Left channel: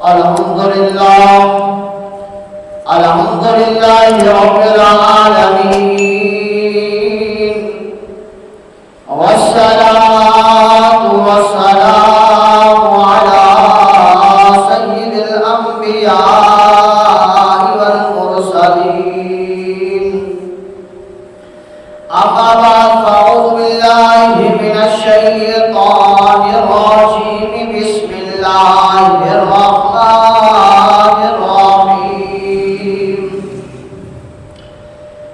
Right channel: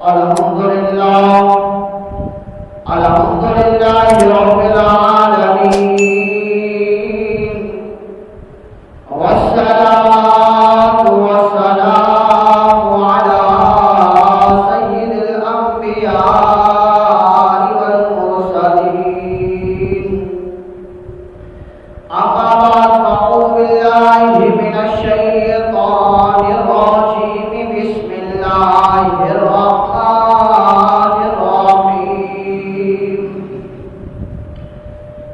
الحمد لله الحمد لله رب العالمين والصلاة والسلام على سيد الأنبياء والمرسلين أما بعد فأعوذ بالله من الشيطان الرجيم بسم الله الرحمن الرحيم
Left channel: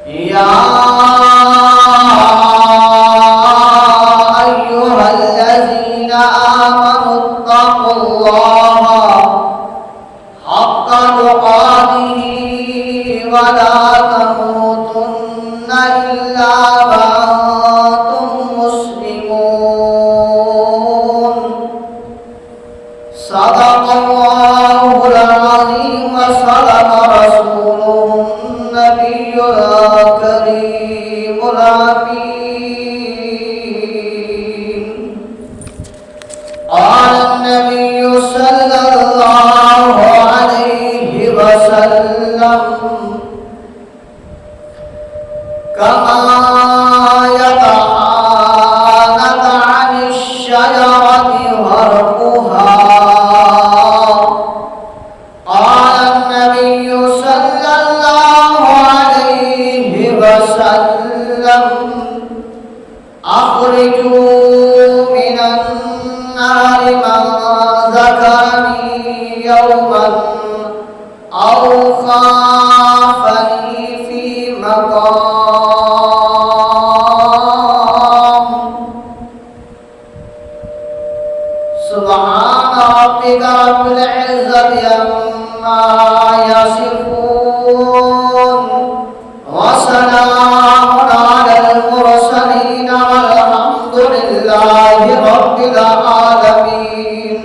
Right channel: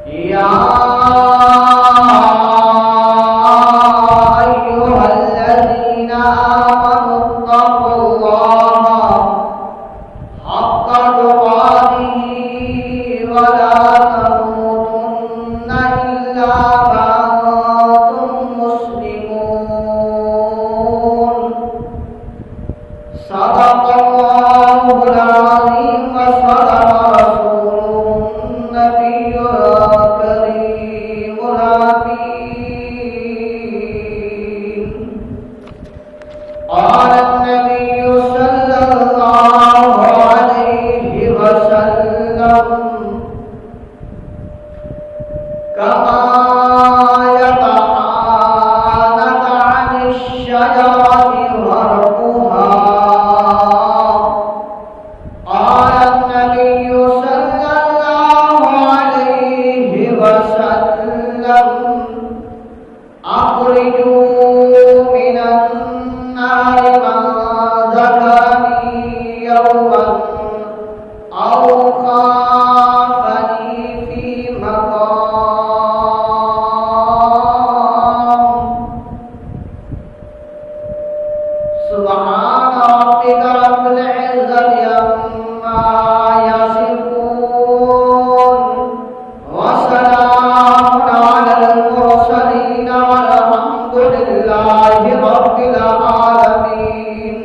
يا أيها الذين آمنوا اتقوا الله حق تقاته ولا تموتن إلا وأنتم مسلمون صدق الله العظيم وصدق رسوله النبي الكريم الأمين قال النبي صلى الله عليه وسلم كما يتعانق عن الشجرة ورقها قال النبي صلى الله عليه وسلم أخرجوا من النار من ذكرني يوما أو خافني في مقام سبحان ربك رب العزة عما يصفون وسلام على المرسلين والحمد لله رب العالمين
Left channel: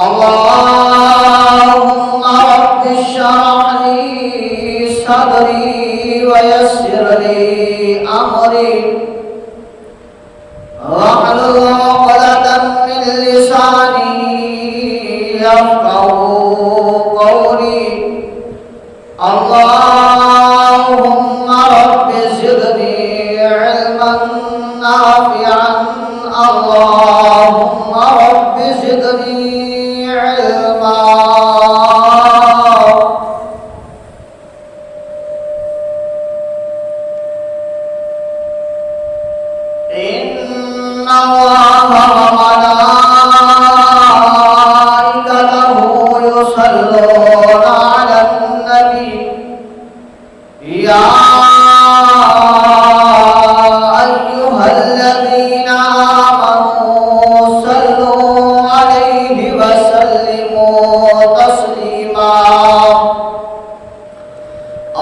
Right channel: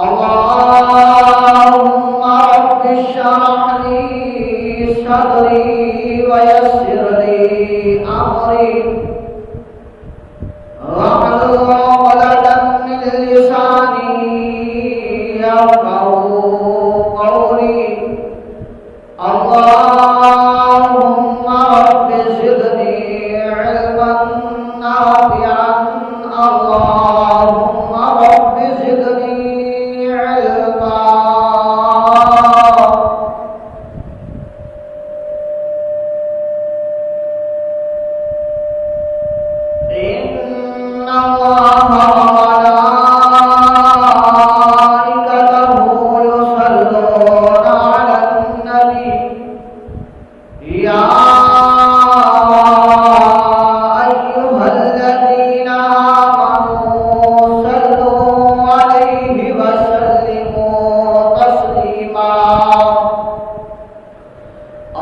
اللهم رب اشرح لي صدري ويسر لي أمري واحلل عقدة من لساني يفقهوا قولي اللهم رب زدني علما نافعا اللهم رب زدني علما إن الله وملائكته يصلون على النبي يا أيها الذين آمنوا صلوا عليه وسلموا تسليما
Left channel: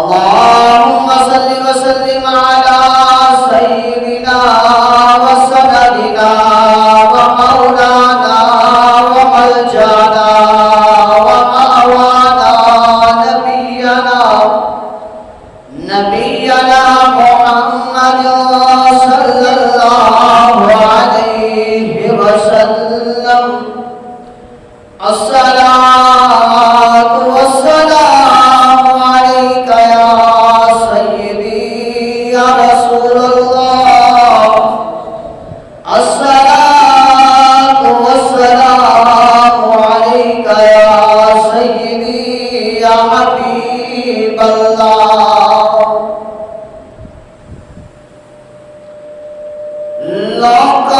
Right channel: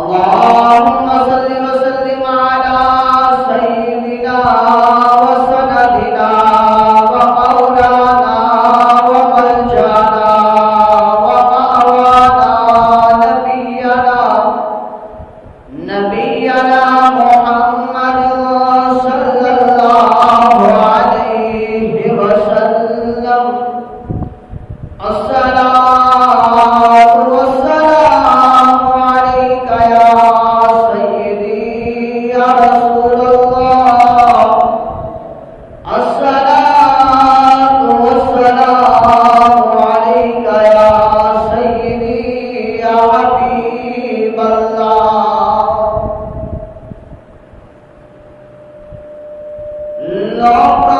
اللهم صل وسلم على سيدنا وسندنا ومولانا وملجانا ومأوانا نبينا محمد صلى الله عليه وسلم الصلاة والسلام عليك يا سيدي يا رسول الله الصلاة والسلام عليك يا سيدي يا حبيب الله لقد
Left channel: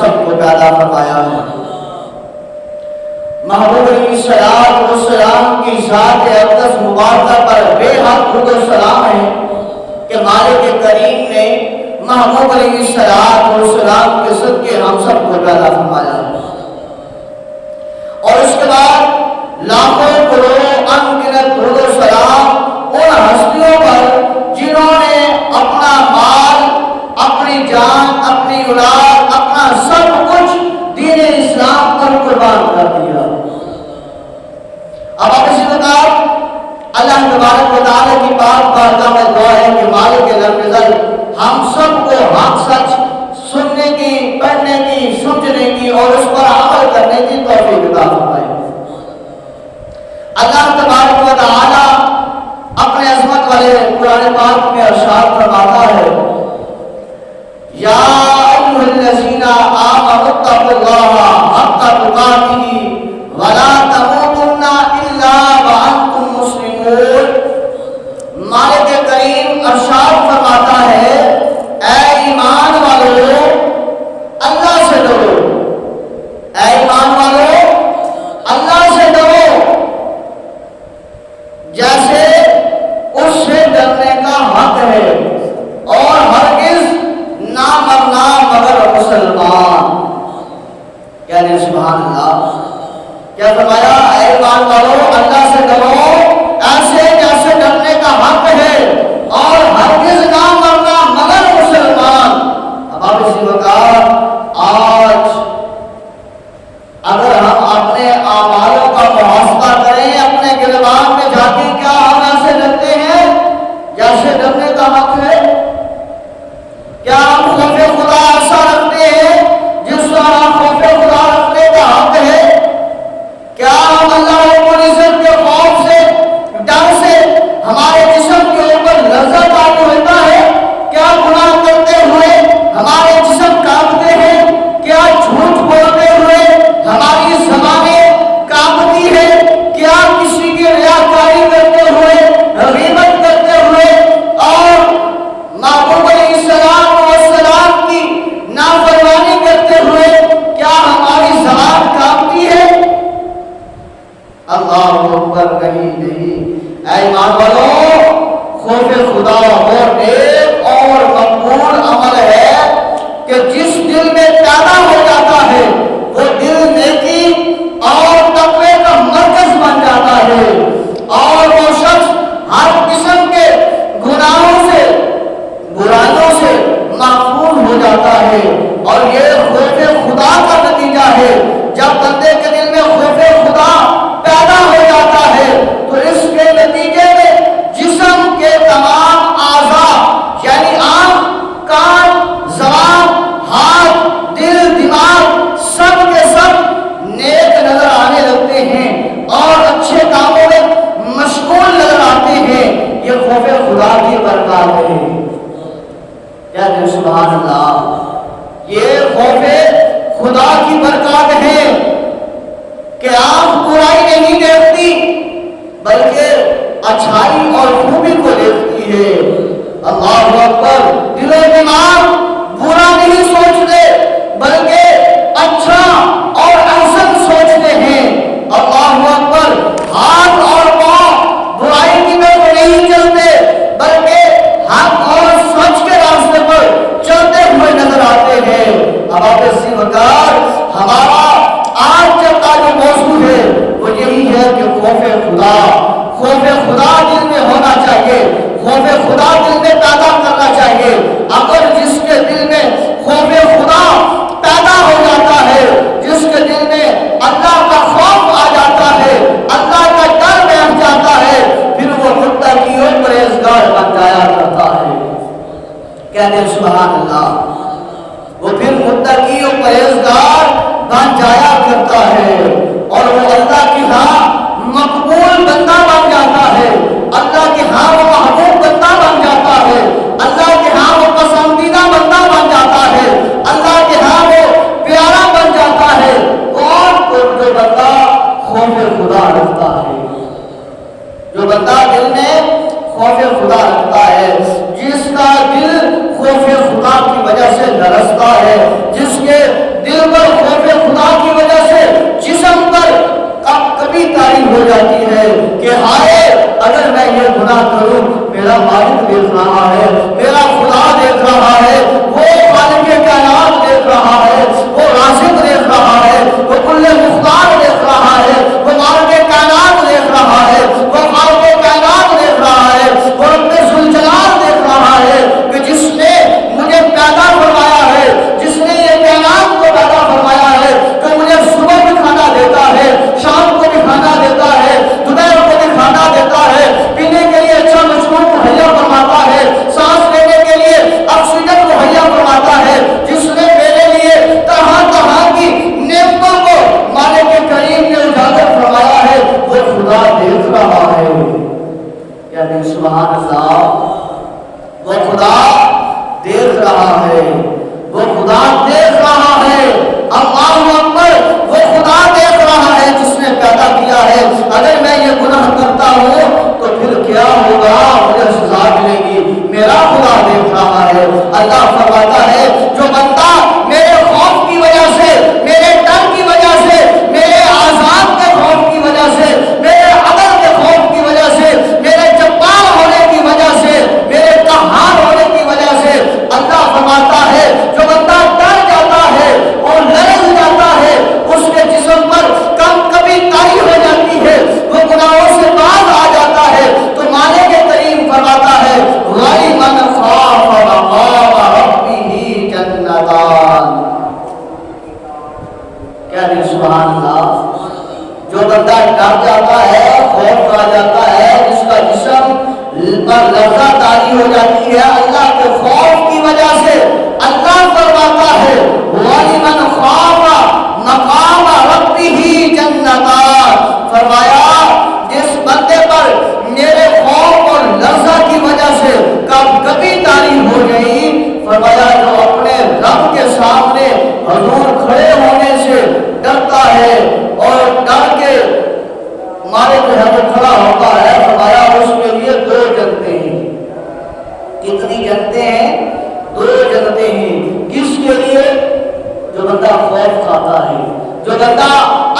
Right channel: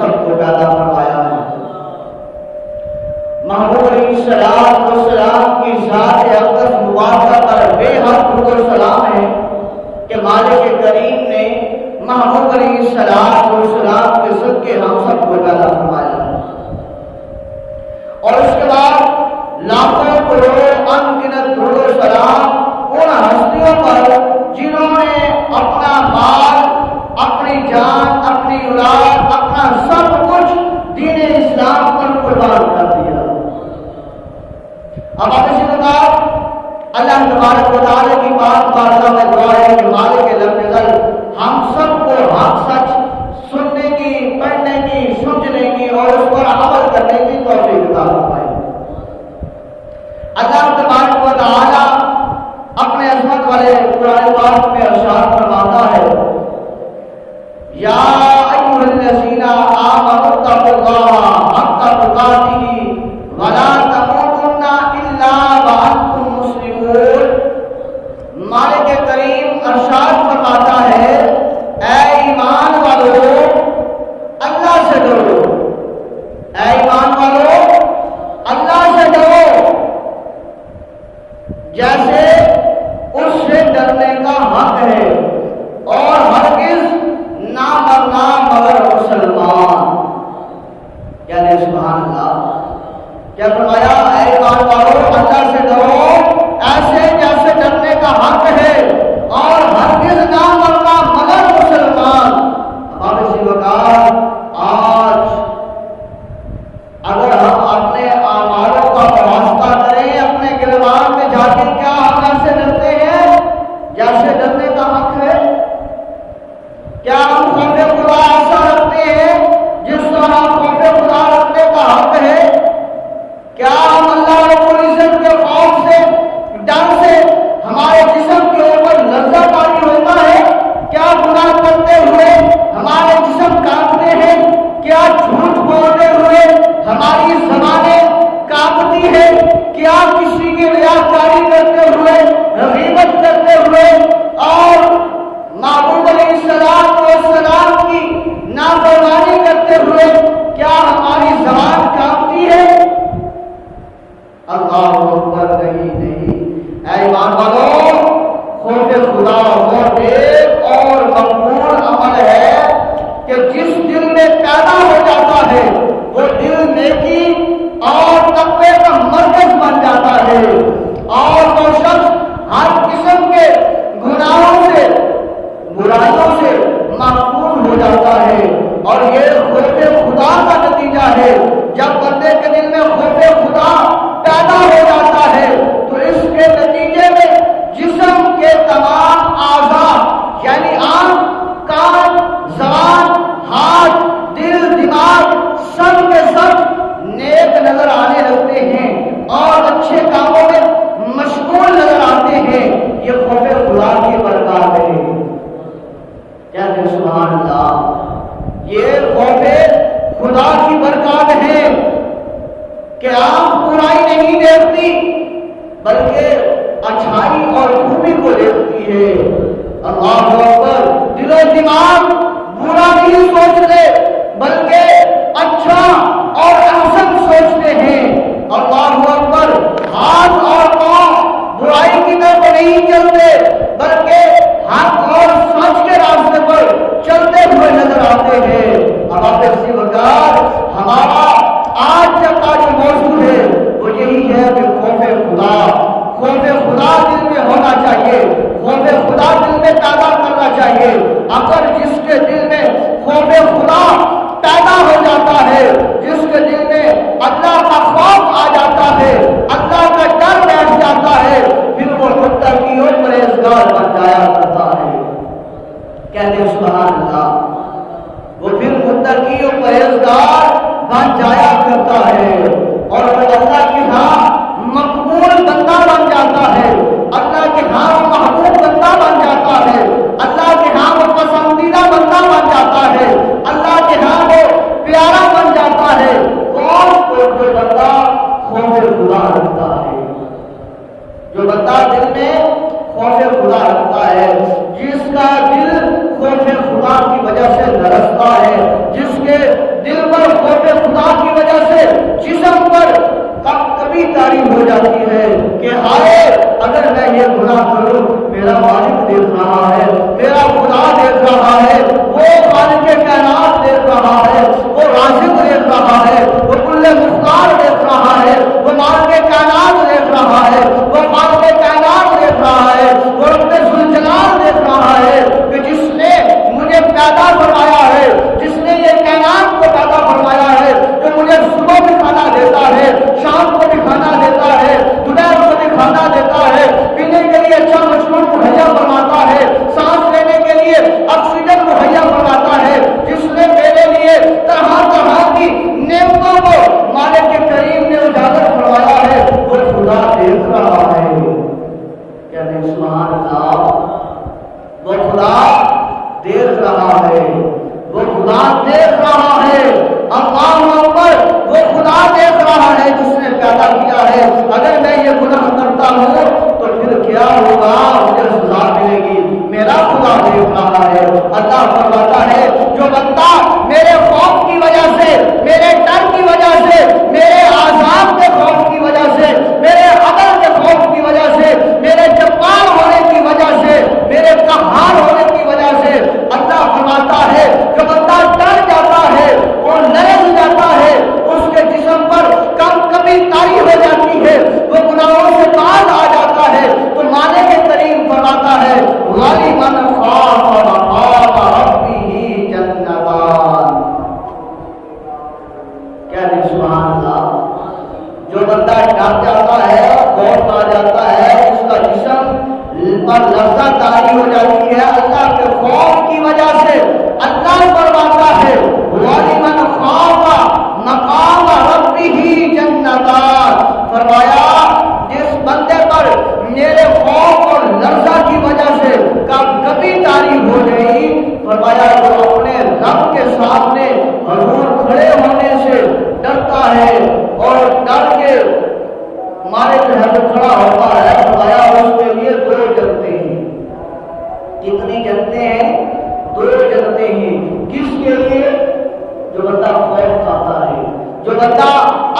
سب کو پیدا فرمایا ہے۔ محبوب علیہ السلام کی ذات اقدس مبارکہ پر بے حد درود و سلام ہے کہ مالک کریم نے محبوب علیہ السلام کے صدقے ہم سب کو پیدا فرمایا ہے۔ اور اس کے بعد لاکھوں کروڑ انگنت درود و سلام ان ہستیوں پر جنہوں نے اپنا مال، اپنی جان، اپنی اولاد، اپنا سب کچھ دین اسلام پر قربان کر دیا۔ اب آپ اسی وقت اللہ تبارک و تعالیٰ کی پاک بارگاہ میں دعا ہے کہ مالک لم یزل ہم سب کو حق سچ سننے کی، پڑھنے کی، سمجھنے کی اور اس پر عمل کرنے کی توفیق عطا فرمائے۔ اللہ تبارک و تعالیٰ اپنے عظمت والے قرآن پاک میں ارشاد فرماتا ہے، یا ایھا الذین آمنوا اتقوا اللہ حق تقاتہ ولا تموتن الا وانتم مسلمون۔ مالک کریم ارشاد فرماتا ہے، اے ایمان والو اللہ سے ڈرو، اے ایمان والو اللہ سے ڈرو جیسے اس سے ڈرنے کا حق ہے، اور ہرگز نہ مرنا مگر مسلمان۔ یعنی سبحان اللہ، کیا فرمایا؟ اے ایمان والو اللہ سے ڈرو ایسے جیسے ڈرنے کا حق ہے، اور ہرگز نہ مرنا مگر مسلمان۔ اب آپ اسی وقت آج اگر ہم اپنے اعمالوں کا محاسبہ کریں، اپنے گریبان میں جا کے، کیا ہم ایسے ڈرتے ہیں جیسے ڈرنے کا حق ہے؟ کیا ہم خوف خدا ایسا رکھتے ہیں جس طرح خوف خدا رکھنے کا حق ہے؟ کیا ہم اللہ رب العزت کے خوف سے، ڈر سے ہمارے جسم کے اوپر لرزہ تاری ہوتا ہے؟ کیا گناہ کرتے ہوئے ہمارے جسم کانپتے ہیں؟ کیا جھوٹ بولتے ہوئے ہماری زبانیں کانپتی ہے؟ کیا کسی کی ریاکاری کرتے ہوئے، غیبت کرتے ہوئے اور محبوب علیہ السلام کی نافرمانی کرتے ہوئے کیا ہماری زبان کانپتی ہے؟ اللہ اکبر، نہیں۔ اے ایمان والو، خوف خدا وہ نیک اور مقبول عمل ہے کہ جس دل میں پیدا ہو جاتا ہے وہ دل نیکی اور تقوی کا مرکز بن جاتا ہے، اور وہ شخص ہر قسم کے گناہوں سے، برائیوں سے محفوظ ہو جاتا ہے۔ اور یہ خوف خدا کا نتیجہ ہے۔ جب بندے کے دل میں خوف خدا پیدا ہو جاتا ہے تو اس کے نتیجے میں جسم کے تمام اعضاء یعنی آنکھ، کان، زبان، ہاتھ، دل، دماغ سب کے سب نیک نظر آنے لگتے ہیں اور اچھے کاموں میں مشغول نظر آتے ہیں۔ یہ خوف خدا کی برکات ہے۔ کہتے ہیں سبحان اللہ، یہ خوف خدا کی برکات ہے کہ آنکھ برائی نہیں دیکھتی بلکہ اچھائی اور خوبی کو دیکھتی ہے۔ اللہ اکبر، دل و دماغ برا نہیں سوچتے بلکہ اچھا اور احسن سوچتے ہیں۔ اللہ اکبر، ہاتھ اور پاؤں برائی کی طرف نہیں چلتے بلکہ حق اور سچ کے راستے پر چلتے ہوئے نظر آتے ہیں۔ اب آپ اسی وقت ہمارا آج جب کا جو موضوع ہے وہ یہی ہے کہ خوف خدا، خوف خدا دل میں ہونا چاہیے، خوف خدا دل میں پیدا کرنا چاہیے۔ اگر جس کے دل میں خوف خدا پیدا ہو جاتا ہے، جس کے دل میں اللہ کا خوف آ جاتا ہے، اللہ کا ڈر بیٹھ جاتا ہے، پھر وہ متقی و پرہیزگار بن جایا کرتا ہے۔ کہتے ہیں سبحان اللہ، وہ پھر متقی و پرہیزگار بن جایا کرتا ہے، اور وہ اللہ کے ہاں مقبول بندہ بن جاتا ہے، اللہ کے ہاں وہ محبوب بندہ بن جاتا ہے، اللہ کے ہاں وہ پسندیدہ بندہ بن جاتا ہے، اللہ کے ہاں وہ پیارا بن جاتا ہے۔ کون کو؟ جو بندہ خوف خدا رکھتا ہے، جو بندہ دل میں خوف خدا رکھتا ہے، جس کا دل خوف خدا کی وجہ سے لرزتا ہے، جس کے دل دل پر خوف خدا کی وجہ سے جسم پر کبھی تاری ہو جاتی ہے کہ ہائے اگر میں یہ گناہ کروں میرا مالک دیکھ رہا ہے، میرا خدا دیکھ رہا ہے، وہ خالق کائنات دیکھ رہا ہے، وہ رازق دیکھ رہا ہے، وہ کل مختار دیکھ رہا ہے، وہ مالک کائنات دیکھ رہا ہے، وہ خالق کائنات دیکھ رہا ہے، وہ رب ذوالجلال دیکھ رہا ہے کہ جس نے مجھے پیدا فرمایا ہے، جس نے یہ کائنات کو پیدا فرمایا ہے، جو مجھے صبح بھی کھانا دیتا ہے، شام کو بھی کھانا دیتا ہے، دوپہر کو بھی کھانا دیتا ہے، پینے کے لیے اچھا مشروب مہیا فرماتا ہے، سانس لینے کے لیے آکسیجن مہیا فرماتا ہے، جس نے میرے لیے طرح طرح کی نعمتوں کو مالک کریم نے اجاگر فرمایا ہے، وہ خدا دیکھ رہا ہے۔ یعنی سبحان اللہ، وہ خدا دیکھ رہا ہے، وہ خدا دیکھ رہا ہے، اللہ اکبر، وہ خدا دیکھ رہا ہے جس نے پیدا کیا ہے۔ اگر میں یہ گناہ کرتا ہوں تو پھر کیا ہوگا، مجھے سزا ملے گی، میرا خدا دیکھ رہا ہے۔ اللہ فرماتا ہے جو بندہ میرے خوف کی وجہ سے، میرے ڈر کی وجہ سے، میرے عذاب کے خوف کی وجہ سے، میرے عدل کے خوف کی وجہ سے، میرے جبار ہونے کی وجہ سے، میرے قہار ہونے کی وجہ سے، اللہ فرماتا ہے جو بندہ ڈر جاتا ہے اور لرز جاتا ہے، اس کے جسم پر کبھی تاری ہو جاتی ہے، وہ گناہوں سے باز آ جاتا ہے، تو مالک کریم فرماتا ہے وَلِمَنْ خَافَ مَقَامَ رَبِّهِ جَنَّتَانِ۔ کیا دل سبحان اللہ، جو بندہ ڈر جاتا ہے، خوف آ جاتا ہے، جس کا جسم پر لرزہ تاری ہو جاتی ہے اللہ کے خوف کی وجہ سے، اللہ فرماتا ہے وَلِمَنْ خَافَ مَقَامَ رَبِّهِ جَنَّتَانِ، فرمایا جس بندے پر میرے خوف اور لرزہ کی وجہ سے کبھی تاری ہو گئی، فرمایا جو اپنے رب کے سامنے حضور کھڑے ہونے سے ڈرتا ہے اور ڈر کے مارے جو ہے وہ کھڑا ہوتا ہے، فرمایا اس کے لیے دو جنتیں ہیں۔ کتنی جنتیں ہیں؟ دو جنتیں ہیں۔ کس کے لیے؟ جو بندہ خوف کھاتا ہے، جو بندہ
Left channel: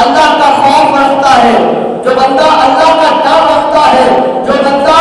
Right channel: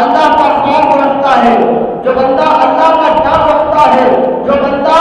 اللہ کا خوف رکھتا ہے، جو بندہ اللہ کا ڈر رکھتا ہے، جو بندہ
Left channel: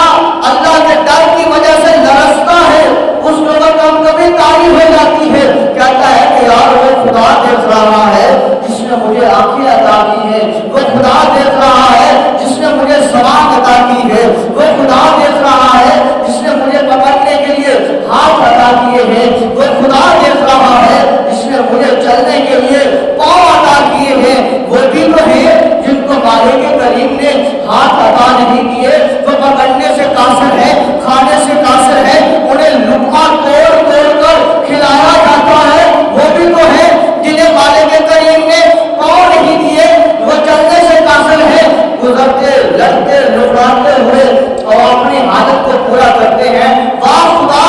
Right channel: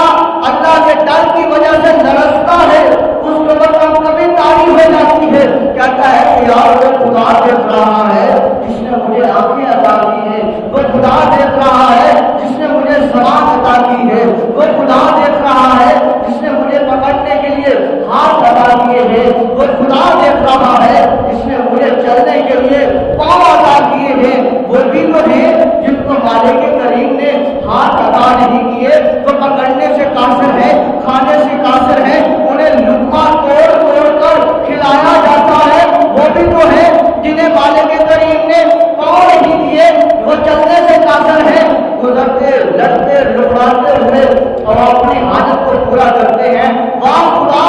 اللہ کے ڈر کی وجہ سے لرزتا ہے، اس کے اوپر کبھی تاری ہو جاتی ہے، کہتا ہے کہ یار وہ خدا دیکھ رہا ہے جس نے مجھے آنکھیں عطا کی ہے، وہ خدا دیکھ رہا ہے جس نے مجھے زبان عطا کی ہے، وہ خدا دیکھ رہا ہے جس نے مجھے پکڑنے کے لیے ہاتھ عطا کیے ہیں، وہ خدا دیکھ رہا ہے جس نے مجھے چلنے کے لیے پاؤں عطا کیے ہیں۔ وہ بھی تو ہیں جن کو مالک کریم نے ہاتھ عطا نہیں کیے، وہ پکڑنے سے قاصر ہے، کھانے سے قاصر ہے، انہیں لقمہ توڑ توڑ کر کھلایا جاتا ہے، وہ بھی تو ہے جنہیں مالک کریم نے پاؤں نہیں دیے، وہ چلنے سے قاصر ہے، گزرتے لڑتے لکڑاتے ہوئے اور اپنی حالت کو پورا کرتے ہیں۔ واہ خدا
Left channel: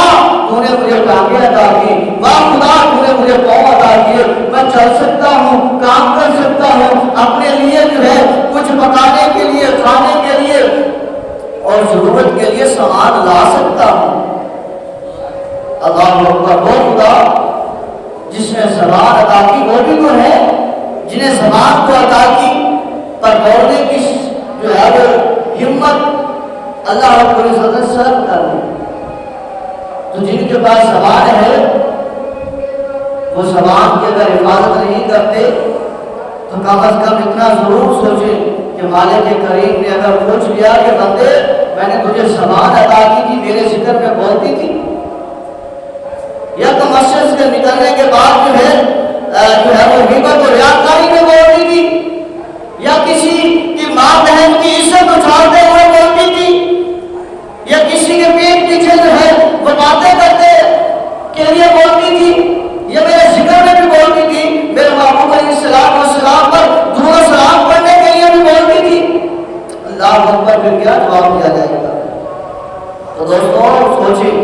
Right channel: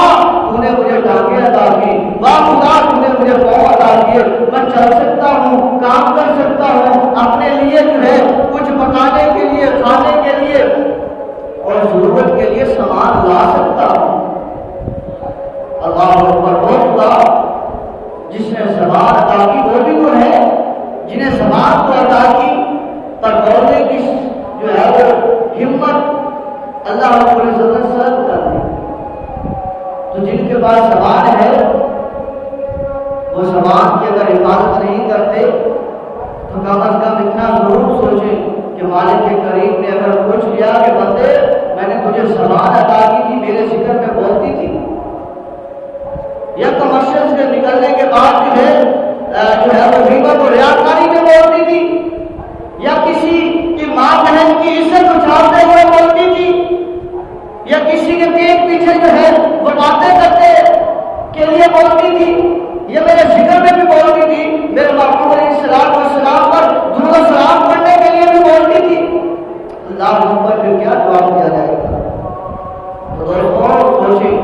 تو نے مجھے ٹانگیں عطا کی، واہ خدا تو نے مجھے پاؤں عطا کیے، میں چل سکتا ہوں، کام کر سکتا ہوں، اپنے لیے جو ہے کچھ پکانے کے لیے، کھانے کے لیے اور ضرورت کے لیے سامان لا سکتا ہوں۔ اللہ اکبر، وہ خدا جس نے زبان عطا کی، وہ بھی تو ہے جنہیں زبان کو عطا کی پر بولنے کی جو ہے وہ ہمت اللہ رب العزت نے سلب کر دی۔ تو جن کے پاس زبان ہے وہ زبان کی اگر حفاظت نہیں کرتے تو کم از کم اتنا ضرور سوچیں کہ مالک کریم نے اگر پوچھ لیا کہ بندے میں نے تجھے زبان عطا کی تھی، میرے ذکر میں بولتی تھی، یا تو مسجد سے نکلنے کے بعد جو ہے وہ غیبت اور ریاکاری میں بولتی تھی، یا کسی کی ماں بہن کی عزت اچھالتے ہوئے بولتی تھی، یا کسی کے پیٹ پیچھے جو ہے وہ باتیں کرتے کے لیے بولتی تھی، یا میرے ذکر میں بھی بولتی تھی، میرے محبوب علیہ السلام پر درود و سلام پڑھنے کے لیے بھی بولتی تھی۔ اللہ اکبر، پھر کیا جواب دیا جائے گا؟ تو دوستوں سوچیں،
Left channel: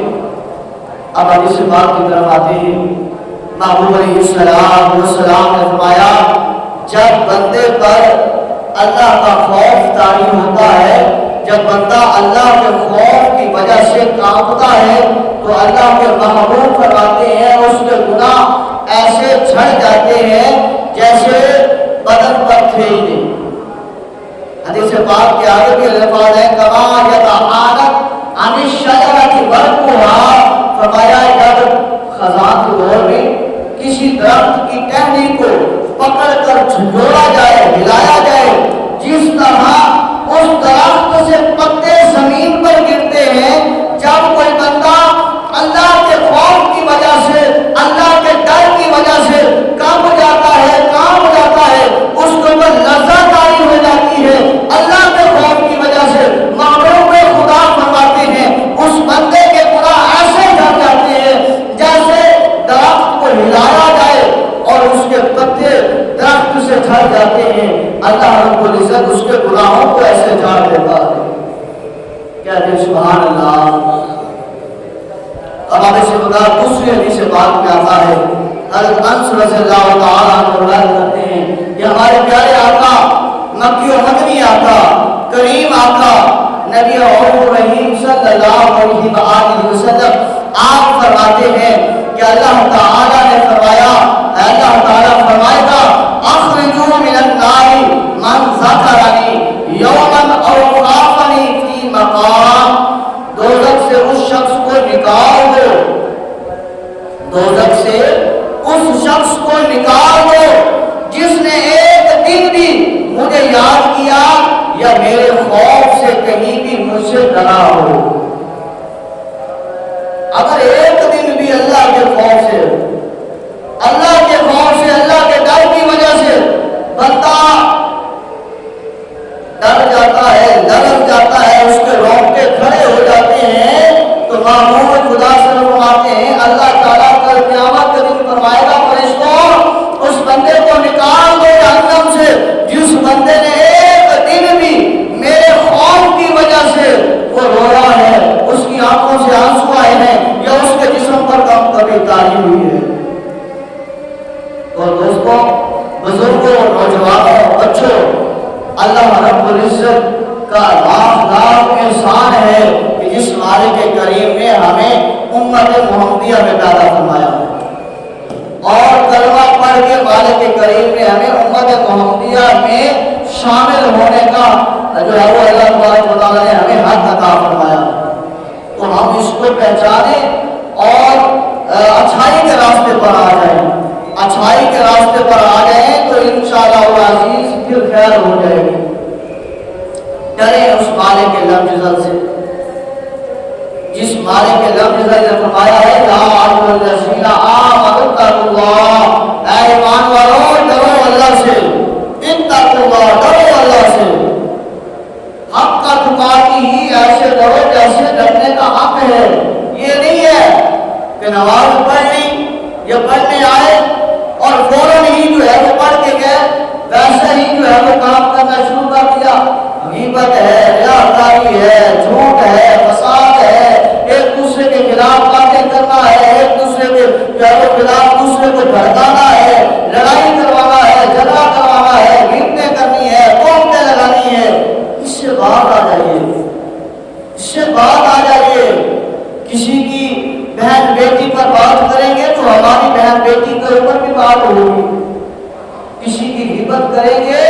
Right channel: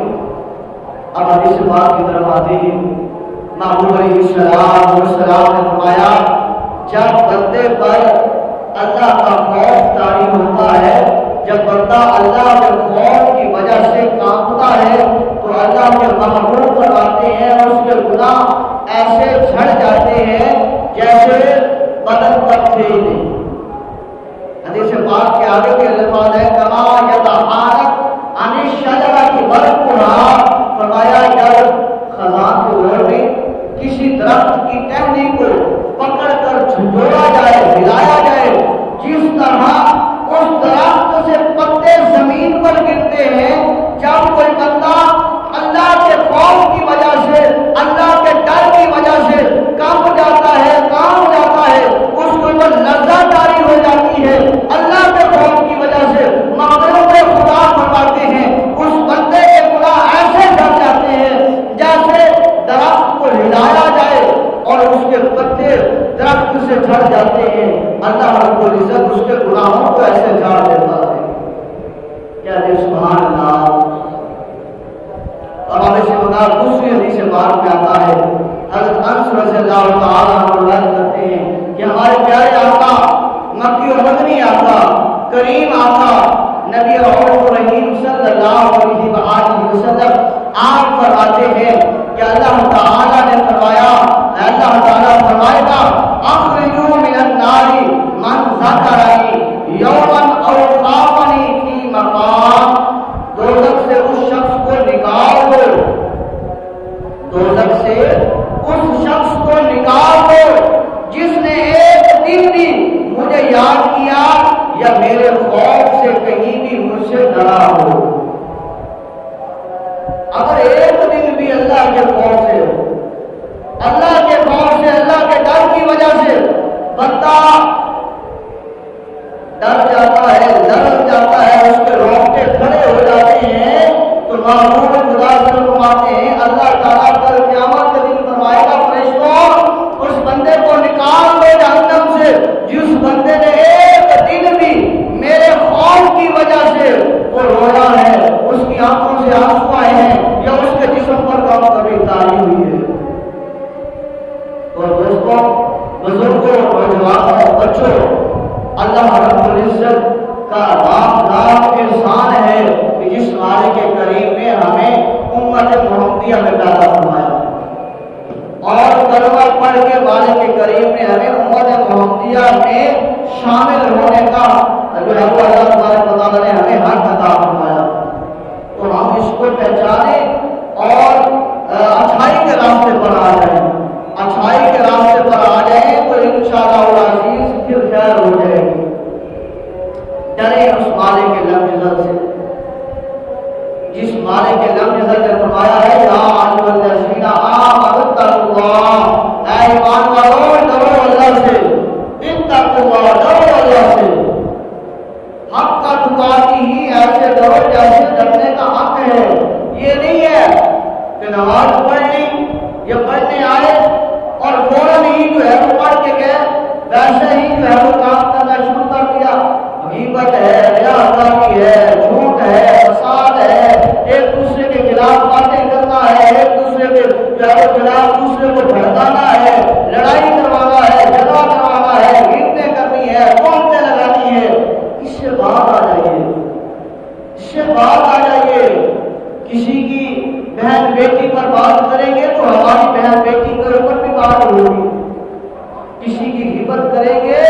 اب حدیث پاک کی طرف آتے ہیں۔ محبوب علیہ السلام نے فرمایا جب بندے پر اللہ کا خوف طاری ہوتا ہے، جب بندہ اللہ کے خوف کی وجہ سے کانپتا ہے تو اللہ کے محبوب فرماتے ہیں اس کے گناہ ایسے جھڑ جاتے ہیں جیسے بدن پر تھے ہی نہیں۔ حدیث پاک کے آگے کے الفاظ ہیں کما یتعانق عن الشجرۃ برقها، فرمایا جب خزاں کے دور میں کسی درخت کی ٹہنی کو پکڑ کر جھنجھوڑا جائے، ہلایا جائے، جس طرح اس درخت سے پتے زمین پر گرتے ہیں، جب کوئی بندہ اللہ کے خوف کی وجہ سے، اللہ کے ڈر کی وجہ سے کانپ جاتا ہے، کانپ جاتا ہے، اس کے اوپر لرزہ طاری ہو جاتی ہے اللہ کے خوف کی وجہ سے، محبوب خدا فرماتے ہیں اس بندے کے گناہ ایسے جھڑ جاتے ہیں جیسے درخت کو ہلایا جائے اور اس کے پتے درخت سے جھڑ جاتے ہیں۔ اللہ رب العزت اس کے گناہوں کو ایسے جھاڑ دیتا ہے۔ کیا دے سبحان اللہ۔ اب ہمیں سے بتا دوسری حدیث پاک میں آتا ہے، حضرت انس رضی اللہ تعالیٰ عنہ روایت کرتے ہیں کہ ہمارے پیارے آقا، مکی و مدنی آقا، کریم آقا، نبی اور رحیم صلی اللہ علیہ وآلہ وسلم آپ فرماتے ہیں کہ اللہ تعالیٰ نے فرمایا، اللہ تعالیٰ فرمائے گا اخرجوا من النار من ذکرنی یوما او خافنی فی مقام، دوزخ سے اس شخص کو نکال دو، دوزخ سے اس شخص کو نکال دو جس نے ایک دن بھی مجھے یاد کیا یا میرے خوف سے کہیں بھی مجھ سے ڈرا ہو۔ اگر ایک دن بھی اللہ کے خوف سے، اللہ کے خوف سے، اللہ کے ڈر کی وجہ سے بندہ ڈر جاتا ہے، لرز جاتا ہے، اس کے رونگٹے کھڑے ہو جاتے ہیں، تو محبوب خدا سے فرماتے ہیں اللہ تعالیٰ کل قیامت کے دن فرمائے گا فرشتوں اس بندے کو نکال دو جہنم سے جس بندے نے ایک دن بھی میرے خوف کی وجہ سے وہ رویا ہے، اس کی آنکھوں سے آنسو آئے ہیں یا اس کے جسم پر غم کبھی تاری ہوئی ہے۔ اور دوستوں، بزرگوں، نوجوانوں، بچوں، اللہ رب العزت کا لاکھ احسان ہے کہ جس مالک کریم نے ہمیں امت محمدیہ میں پیدا فرمایا اور کلمہ پڑھ کے مالک کریم نے ہمیں امت محمدیہ میں شامل ہونے کا جو ہے وہ اللہ تبارک و تعالیٰ نے ہمیں حق عطا فرمایا۔ تو ہم اس کو پہچانیں اور اچھائی کے راستے پر آ جائیں، اچھائی کے راستے پر آ جائیں تو انشاءاللہ العزیز پھر خیر ہو جائے گی۔ ڈریں اس مالک کے لفظ عزت سے جس مالک کے لفظ عزت نے فرمایا ہے یا ایھا الذین آمنوا اتقوا اللہ، اے ایمان والو ڈرو اللہ سے، اتقوا اللہ، ڈرو اللہ سے، حق کا تقاتی ہی ایسے ڈرو جیسے ڈرنے کا حق ہے۔ یہ نہیں ہے کہ نماز پڑھنی یا پڑھنے آئے اور فوراً ہی جو ہے وہ پڑھ کے گئے، ویسے ہی جو ہے وہ کام کرنا شروع کر دیا، غیبت ہے، ریاکاری ہے، جھوٹ ہے، فساد ہے، ایک دوسرے کے خلاف باتیں کرنا ہے، ایک دوسرے کے جو ہے وہ خلاف دوسرے کو بھڑکانا ہے، لڑائی کروانا ہے، جھگڑا کروانا ہے، غیبتیں کرنی ہے، تہمتیں لگانی ہے۔ اس سے باہر آ جائیے، اس سے باہر آ جائیے۔ کسی کی بہن بیٹی پر بات کریں گے تو ہماری بہن بیٹی کے اوپر بھی بات ہوگی، کسی کی غیبت کریں گے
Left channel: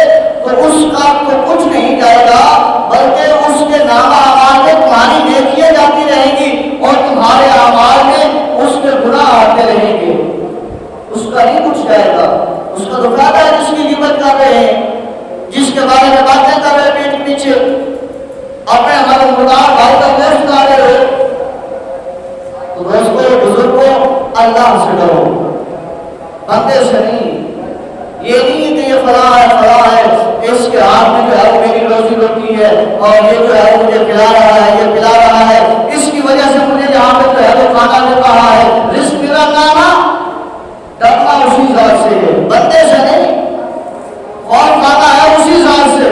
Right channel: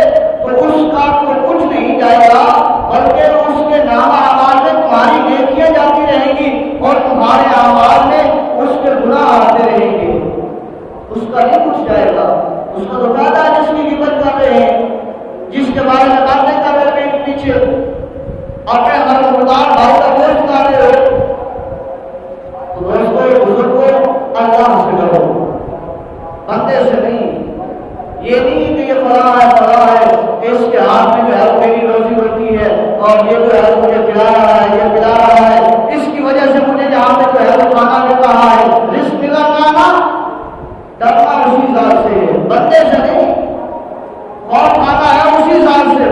تو اس کا تو کچھ نہیں جائے گا بلکہ اس کے نامہ اعمال میں تمہاری نیکیاں جاتی رہیں گی اور تمہارے اعمال میں اس کے گناہ آتے رہیں گے، اس کا نہیں کچھ جائے گا۔ اس کا تو فائدہ ہے جس کی غیبت کر رہے ہیں، جس کے بارے میں باتیں کر رہے پیٹ پیچھے، اپنے مددگار بھائی کا گوشت کھا رہے ہو۔ تو دوستوں، بزرگوں، اللہ سے ڈرو، بندے سے نہیں۔ یہ نہیں کہ یہ فلاں ہے، فلاں ہے، اس کے ہاتھ میں جو ہے وہ میری روزی روٹی ہے اور یہ جو ہے مجھے کھلا رہا ہے، یہ پلا رہا ہے، اس کی وجہ سے مجھے یہاں پہ جو ہے وہ کھانا مل رہا ہے۔ رزق ملا نا، ڈرنا اسی ذات سے ہے، بندے سے نہیں۔ خوف کھانا ہے اسی ذات سے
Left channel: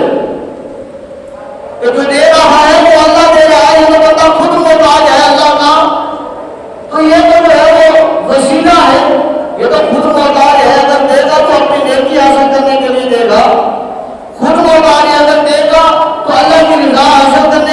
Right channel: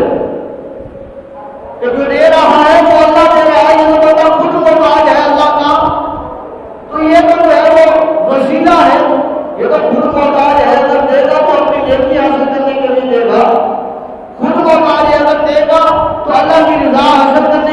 کہ جو دے رہا ہے وہ اللہ دے رہا ہے، یہ تو بندہ خود محتاج ہے اللہ کا، تو یہ تو جو ہے وہ وسیلہ ہے، یہ تو خود محتاج ہے۔ اگر دے گا تو اپنی نیکی حاصل کرنے کے لیے دے گا، خود محتاج ہے، اگر دے گا تو اللہ کی رضا حاصل کرنے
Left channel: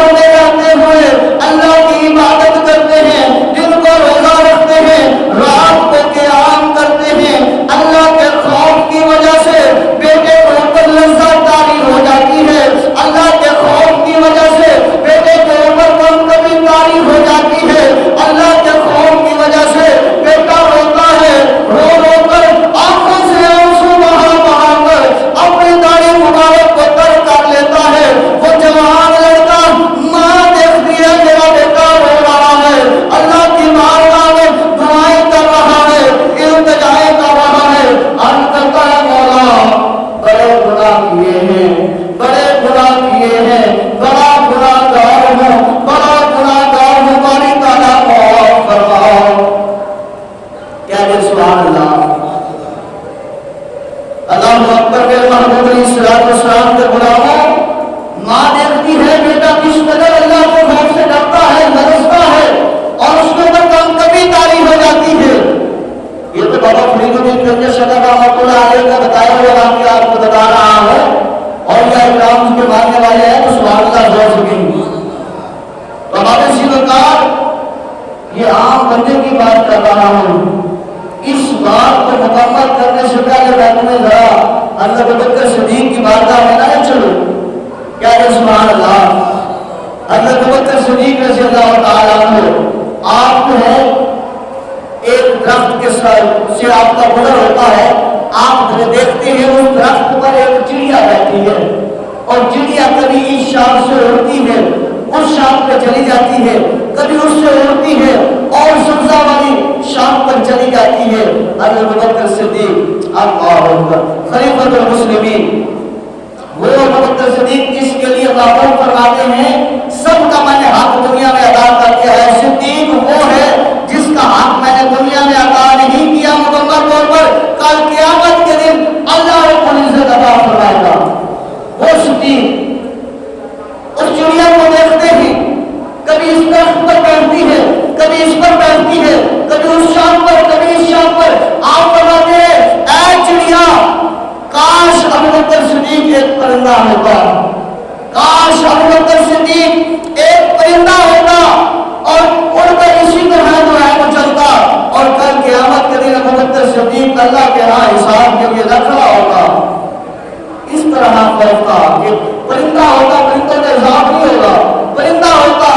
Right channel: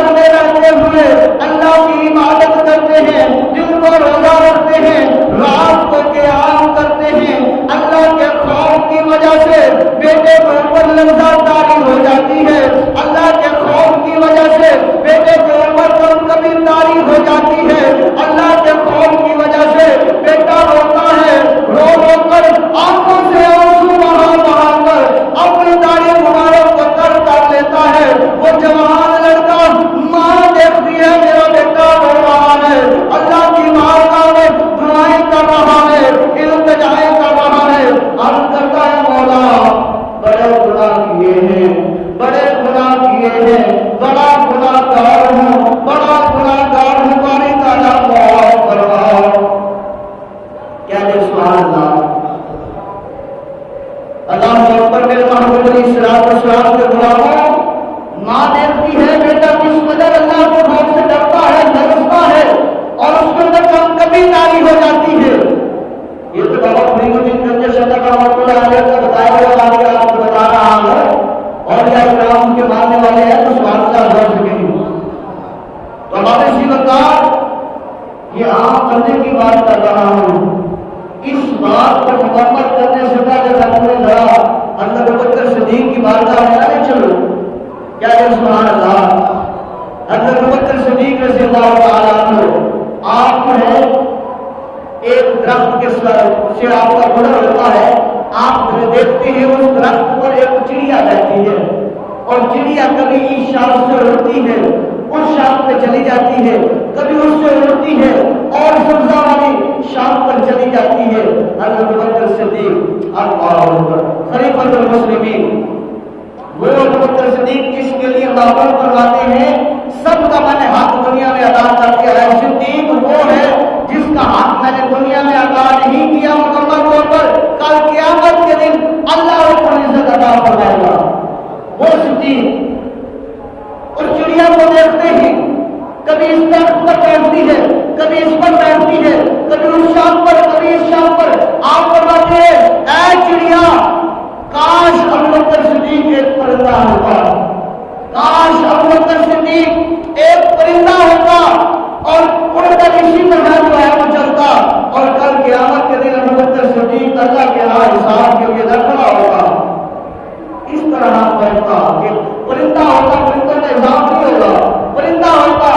گھر میں رہتے ہوئے اللہ کی عبادت کرتے ہیں، دن کو روزہ رکھتے ہیں، رات کو قیام کرتے ہیں، اللہ کے خوف کی وجہ سے بیٹے کے اوپر لذت طاری ہو جاتی ہے، اللہ کے خوف کی وجہ سے بیٹے کے اوپر کم کبھی طاری ہو جاتی ہے، اللہ کے خوف کی وجہ سے بیٹا روتا ہے، رو رو کر آنکھوں سے آنسو بہا بہا کر اپنی داڑھی مبارک کو تر کر لیتا ہے، وہ جوان لڑکا ماں دیکھتی ہے میرا بیٹا رو رہا ہے، اللہ کی بارگاہ میں دعائیں کر رہا ہے، التجائیں کر رہا ہے، عرض کرتا ہے مولا بڑے گناہ کیے ہیں، بڑے گناہ کیے ہیں، بڑا گناہ گار ہوں، بڑا گناہ گار ہوں، باری تعالیٰ معاف فرماؤ۔ کیا دے سبحان اللہ، اللہ اکبر۔ میرے محبوب علیہ السلام کے غلاموں، ماں دیکھتی ہے بیٹا کس قدر اللہ کے خوف سے ڈرتا ہے، لرزتا ہے، اور اس کے اوپر کم کبھی طاری ہو جاتی ہے۔ یہ تو بابا فرید الدین گنج صدر رحمۃ اللہ علیہ کا بتایا ہوا واقعہ آپ کو بتا رہا ہوں، اور کیا اکرام کے ماننے والے ہیں تو سبحان اللہ بول سکیں گے۔ تو ہمارے سیوکار یہ عام بندے کی بات کر رہا ہوں، اس بات کو مکمل کرنے سے پہلے میں تمہیں ذرا حضرت ابوبکر صدیق کی بارگاہ میں نہ چلو۔ کیا کہ سبحان اللہ، حضرت ابوبکر صدیق رضی اللہ تعالیٰ عنہ، آپ جو ہے ایک درخت کے سے آپ کا گزر ہوتا ہے، آپ دیکھتے ہیں اس درخت پر ایک چڑیا بیٹھی ہے، اور چڑیا کبھی اس شام سے اڑتی ہے اس شام پہ چلی جاتی ہے، کبھی اس سے اڑتی ہے اور سبزہ والی شام پر چلی جاتی ہے۔ حضرت ابوبکر صدیق اللہ اکبر خلیفۃ المسلمین، وہ ابوبکر صدیق جس کے لیے معمول فرماتے ہیں سب کا میں نے حق دنیا میں ادا کر دیا ہے، صدیق وہ ہے جس کا حق میں نے دنیا میں ادا نہیں کیا، مکمل طور پر کل قیامت کے دن اللہ رب العزت ادا فرمائے گا۔ وہ صدیق اس چڑیا کو دیکھتے ہیں، کبھی اس درخت پر بیٹھتی ہے، کبھی اس پر بیٹھتی ہے، کبھی اس شام پر، کبھی اس شام پر۔ آپ فرماتے ہیں اے چڑیا، کاش ابوبکر صدیق ایک پرندہ ہوتا، کاش ابوبکر صدیق ایک پرندہ ہوتا اور اڑ کر اسی طرح جو ہے وہ چلتا، اور کل قیامت کے دن ابوبکر صدیق اللہ کے ہاں حساب کے لیے نہ کھڑا ہوگا۔ اس طرح ہوتا کہ پرندہ ہوتا، پرندوں کا حساب نہیں ہوگا، پرندہ ہوتا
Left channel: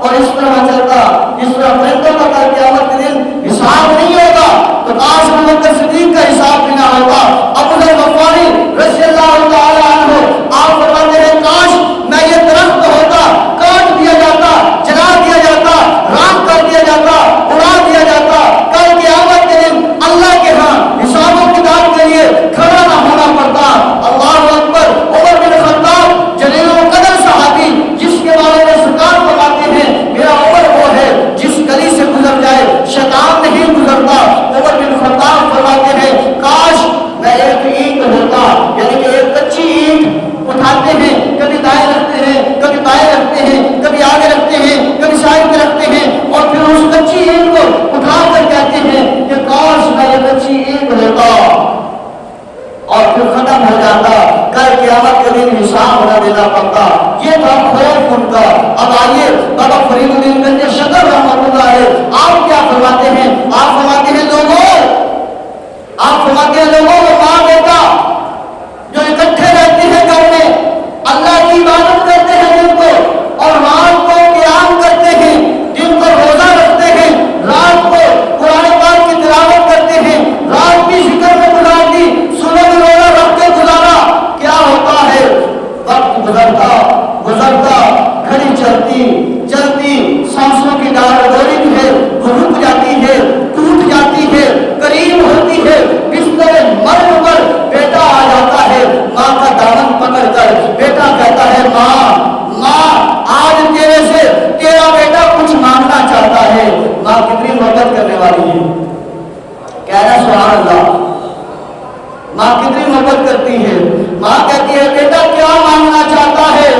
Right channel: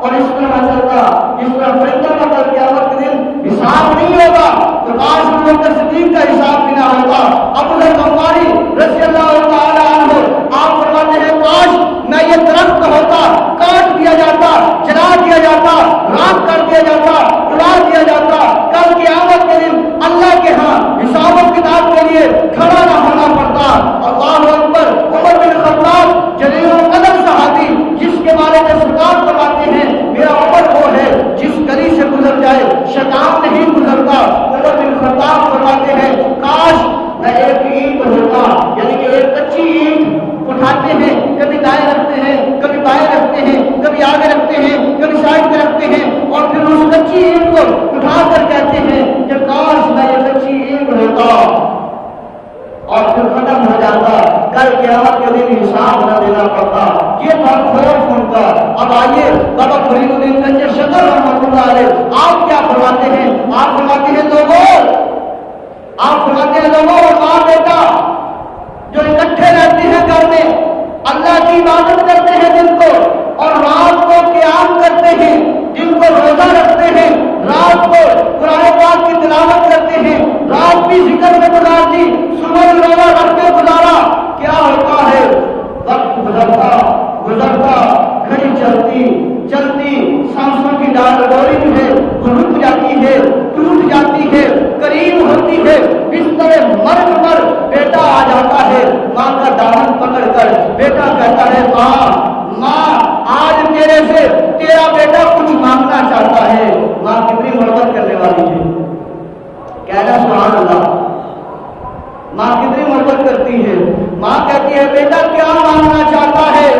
اور اس طرح چلتا، اس طرح پرندوں کا کل قیامت کے دن حساب نہیں ہوگا، تو کاش ابوبکر صدیق کا حساب بھی نہ ہوگا۔ ابو ذر غفاری رضی اللہ تعالی عنہ آپ فرماتے ہیں کاش میں یہ درخت ہوتا، کاٹ دیا جاتا، جلا دیا جاتا، راکھ کر دیا جاتا، اڑا دیا جاتا، کل قیامت کے دن اللہ کے ہاں حساب و کتاب کے لیے کھڑا نہ ہونا پڑتا۔ اللہ اکبر۔ عمر بن خطاب جلیل القدر صحابی جس کے بارے میں سرکار فرماتے ہیں میرا عمر وہ ہے جس گلی سے گزر جائے شیطان نہیں گزرتا۔ عمر بن خطاب فرماتے ہیں کاش میں ایک اینٹ ہوتا، یعنی کہ ایک کچی اینٹ اٹھاتے ہیں، کبھی دائیں رکھتے ہیں، کبھی بائیں رکھتے ہیں، کبھی آگے رکھتے ہیں، کبھی سائڈ پہ رکھتے ہیں، اور پھر اس کچی اینٹ کو اٹھا کر کہتے ہیں کہ کاش میں یہ کچی اینٹ ہوتا، اور پھر ختم ہو جاتا، کل قیامت کے دن حساب نہ دینا پڑتا۔ یہ تھا خوف ان کا۔ اب آئیے بابا فرید الدین گنج صدر رحمۃ اللہ علیہ آپ کیا فرماتے ہیں؟ آپ فرماتے ہیں لوگوں، آپ فرماتے ہیں لوگوں، وہ ماں بیٹا جو اکٹھے رہتے ہیں گھر میں، اللہ کی عبادت کرتے ہیں دن کو، اور رات کو قیام کرتے ہیں، دن کو روزہ رکھتے ہیں، رات کو قرآن پاک کی تلاوت کرتے ہیں، رات بھی ذکر میں گزار دی، صبح میں روزہ رکھ کے گزارا، کیا ہوتا ہے؟ وقت گزرتا گزرتا، گھڑی چلتی چلتی، سانسوں کی ڈوری جو ہے رک جاتی ہے، ٹوٹ جاتی ہے، قریب ہوتی ہے، بستر مرگ پر بیٹا آ جاتا ہے، ماں کا دامن پکڑ کر بیٹا کہتا ہے ماں آج تیرے سے تیرا بیٹا کچھ مانگنا چاہتا ہے۔ ماں کتنی محبت کرنے والی ہے، کہنا سبحان اللہ۔ ماں کتنی محبت کرتی ہے، ماں کہتی ہے بیٹا کیا مانگنا چاہتا ہے؟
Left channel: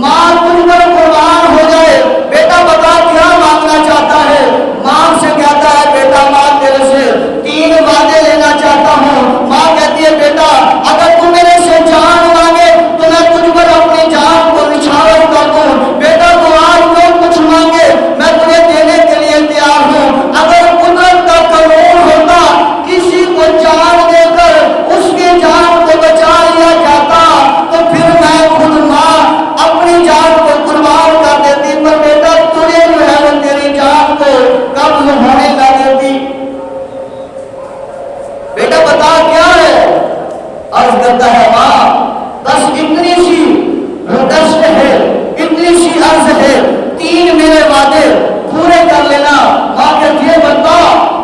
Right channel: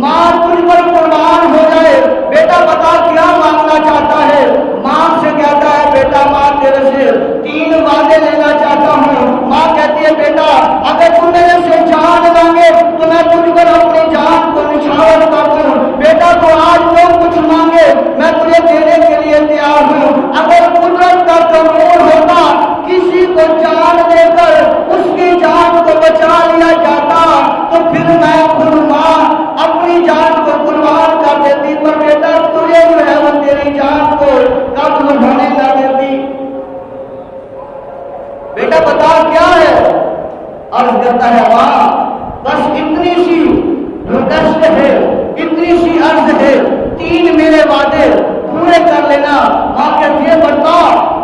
ماں تجھ پر قربان ہو جائے، بیٹا بتا کیا مانگنا چاہتا ہے؟ ماں سے کہتا ہے بیٹا ماں تیرے سے 3 وعدے لینا چاہتا ہوں۔ ماں کہتی ہے بیٹا اگر تو میرے سے جان مانگے تو میں تجھ پر اپنی جان کو نچھاور کر دوں۔ بیٹا کرتا ہے ماں بس اتنی سی ریکویسٹ ہے، اتنی سی عرض ہے، 3 میرے وعدے پورے کر لینا۔ ماں کہتی ہے بتا،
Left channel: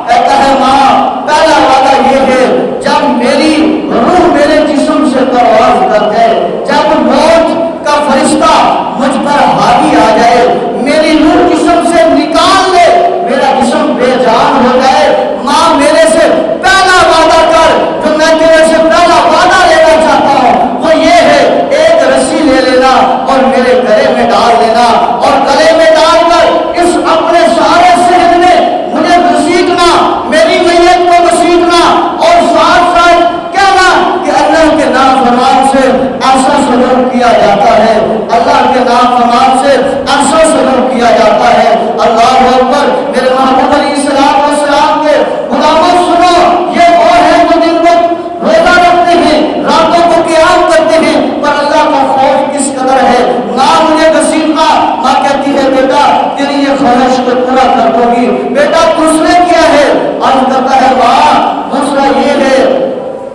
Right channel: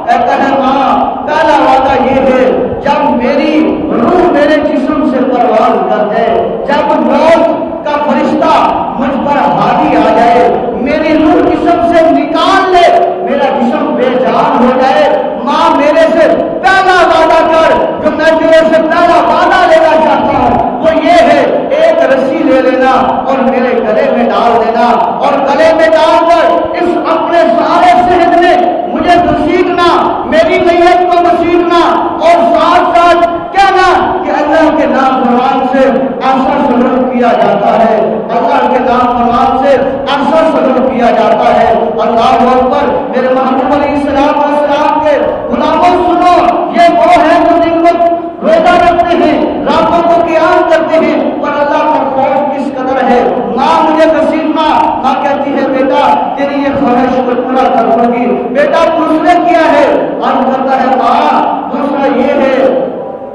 کہتا ہے ماں پہلا وعدہ یہ ہے جب میری روح میرے جسم سے پرواز کر جائے، جب موت کا فرشتہ مجھ پر حاوی آ جائے، میری روح جسم سے نکال لے، میرا جسم بے جان ہو جائے، ماں میرے سے پہلا وعدہ کر، جو میں تیرے سے پہلا وعدہ لینا چاہتا ہوں وہ یہ ہے، ایک رسی لے لینا اور میرے گلے میں ڈال دینا، اور گلے میں ڈال کر اس اپنے سارے صحت میں مجھے گھسیٹنا، میری میت کو گھسیٹنا، اور ساتھ ساتھ کہنا کہ اللہ کے نافرمان سے ایسا سلوک کیا جاتا ہے، اللہ کے نافرمان سے ایسا سلوک کیا جاتا ہے۔ اللہ اکبر۔ میرے محبوب علیہ السلام کے غلاموں سنو، یہ وہ ہیں جو دن کو روزہ رکھتے ہیں، راتوں کو قیام کرتے ہیں، پر اللہ کا خوف کس قدر ہے۔ ماں مجھے گھسیٹنا، ماں کہتی ہے بیٹا تیری یہ خواہش کو پورا کر دوں گی۔ بیٹا دوسرے کیا ہے؟ عرض کرتا ہے ماں دوسرا یہ ہے